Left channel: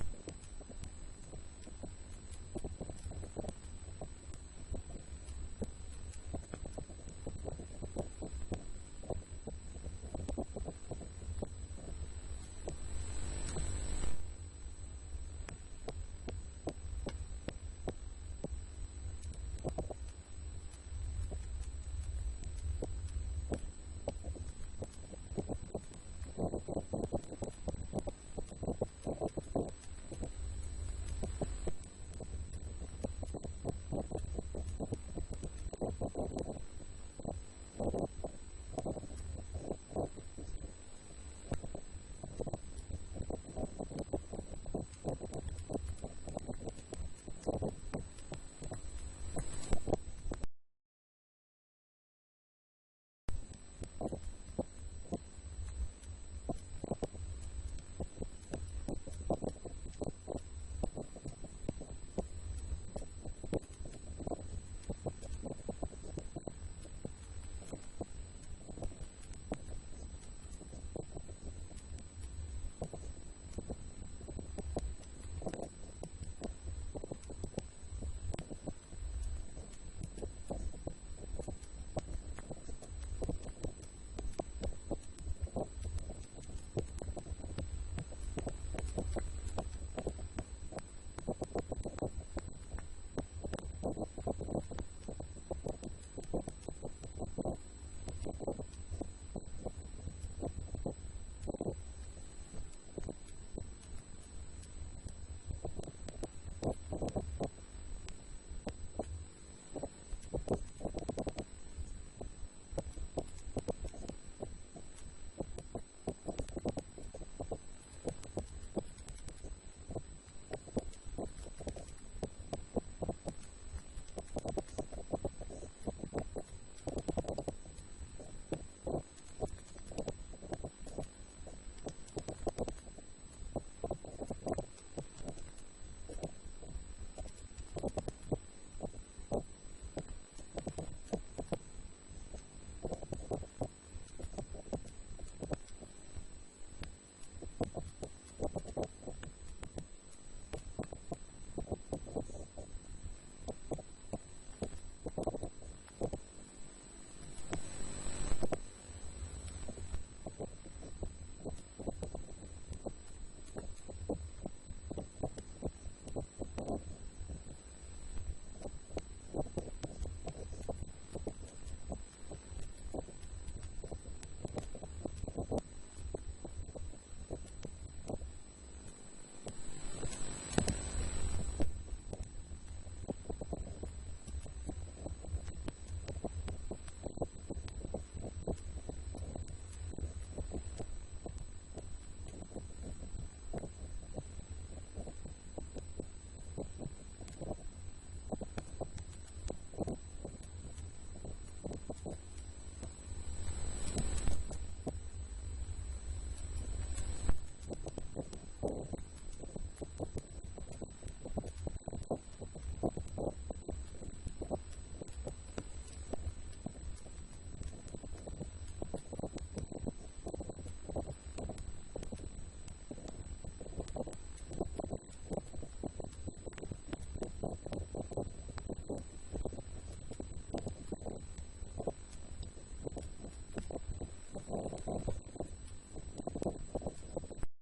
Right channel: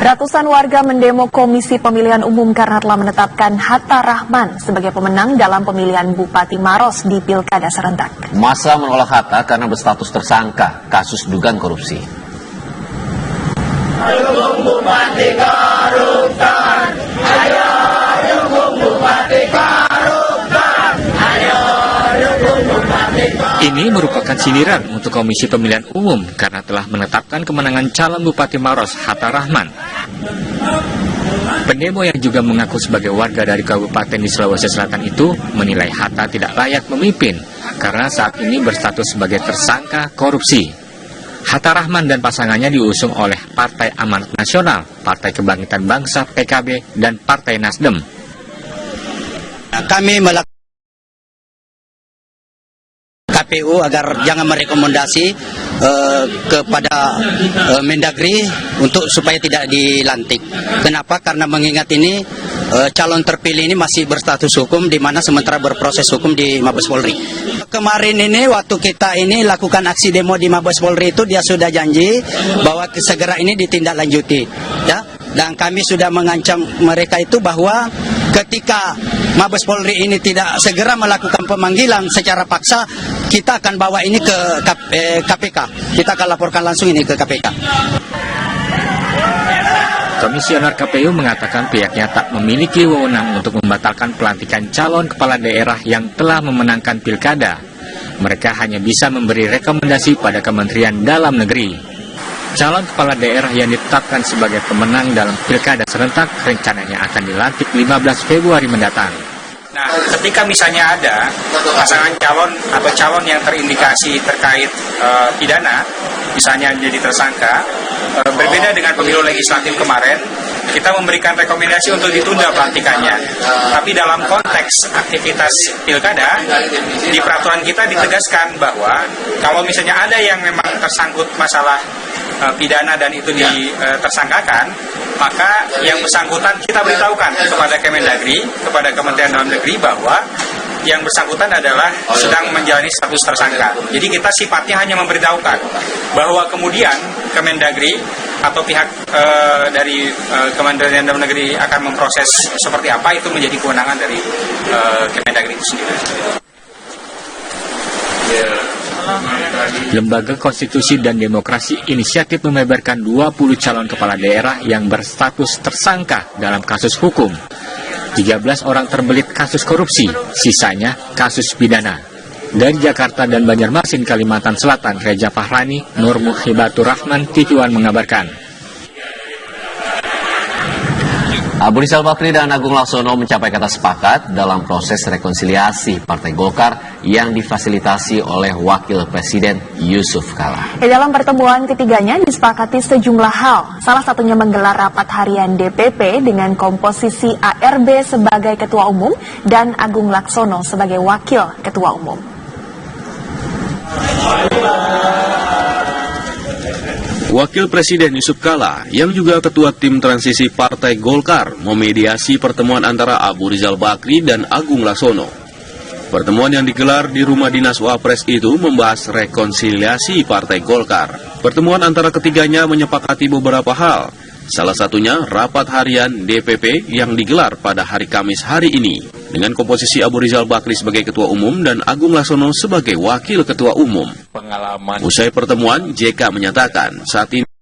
Ratusan warga mendemo Komisi Pemilihan Umum karena telah menetapkan Hatta Rahman sebagai pemenang dalam pemilihan Bupati Maros di Pilkada serentak. Massa menolak Hatta karena berstatus tersangka kasus dugaan korupsi. Ayo Bupati koruptan, ayo Bupati koruptan, ayo Bupati koruptan. Ini merupakan sindiran untuk Komisi Pemilihan Umum karena telah menetapkan kemenangan calon Bupati Maros Hatta Rahman. Pendemo yang juga mengaku sebagai warga dari kabupaten di Sulawesi Selatan itu menilai Hatta tidak layak memimpin karena saat ini berstatus sebagai tersangka korupsi. Hatta Rahman dan pasangannya diusung oleh Partai Amanat Nasional, Partai Kebangkitan Bangsa PKB, dan Partai Nasdem. Kami melakukan KPU agar jangan merekomendasi kepada Mendagri untuk supaya tidak dilantik. Kenapa? Karena mengingat ini calon terpilih ini masih berstatus hukum, di mana sementara berproses hukum di Mabes Polri. Kemarin ini waktu kita ini lakukan aksi demo di Mabes Polri itu dia sudah janji bahwa segera ini ditindaklanjuti, ya. Dan kami sudah mengancam mereka itu bahwa ketika Mabes Polri ini tidak segera melakukan pemanggilan secara paksa, kita akan bawa ini ke KPK. Kita akan laporkan langsung ini ke KPK. Komisioner KPU mengatakan pihaknya tak memiliki wewenang untuk membatalkan pelantikan calon kepala daerah yang telah memenangkan pilkada. Mereka hanya bisa memberi rekomendasi pada Kementerian Dalam Negeri. Calon kepala daerah yang ditetapkan sebagai pemenang dalam pilkada serentak rencananya akan dilantik 15 Februari mendatang. Nah, ketika misalnya ada pasangan calon atau calon yang terindikasi terkait pidana, misalnya jadi tersangka, berbeda dengan pemilu legislatif kemarin, kita memberikan rekomendasi untuk ditunda pelantikannya. Tapi dalam konteks aktivitas pilkada, di peraturan kita ditegaskan bahwa kalau misalnya ada yang memang tersangkut masalah pidana dan itu ditersangkakan, maka yang bersangkutan kita beritahukan kepada Kemendagri, kepada Kementerian Dalam Negeri bahwa yang bersangkutan adalah sedang menjalani status tersangka. Jadi kita sifatnya hanya memberitahukan bahwa kemudian Kemendagri atau pihak dari Kementerian Dalam Negeri akan memproses seperti apa, itu menjadi kewenangan dari Kemendagri itu sendiri. Lembaga Konstitusi dan Demokrasi Inisiatif membeberkan 20 calon kepala daerah yang berstatus tersangka dalam kasus hukum. 13 orang terbelit kasus korupsi, sisanya kasus pidana. Dari Jakarta dan Banjarmasin, Kalimantan Selatan, Reza Fahrani, Nur Muhibatur Rahman, TV One mengabarkan. Abu Rizal Bakri dan Agung Laksono mencapai kata sepakat dalam proses rekonsiliasi Partai Golkar yang difasilitasi oleh Wakil Presiden Yusuf Kala. Dalam pertemuan ketiganya disepakati sejumlah hal, salah satunya menggelar rapat harian DPP dengan komposisi ARB sebagai Ketua Umum dan Agung Laksono sebagai Wakil Ketua Umum. Wakil Presiden Yusuf Kala, yang juga Ketua Tim Transisi Partai Golkar, memediasi pertemuan antara Abu Rizal Bakri dan Agung Laksono. Pertemuan yang digelar di rumah dinas Wapres itu membahas rekonsiliasi Partai Golkar. Pertemuan antara ketiganya menyepakati beberapa hal, salah satunya rapat harian DPP yang digelar pada hari Kamis hari ini, dengan komposisi Abu Rizal Bakri sebagai Ketua Umum dan Agung Laksono sebagai Wakil Ketua Umum. Usai pertemuan, JK menyatakan saat ini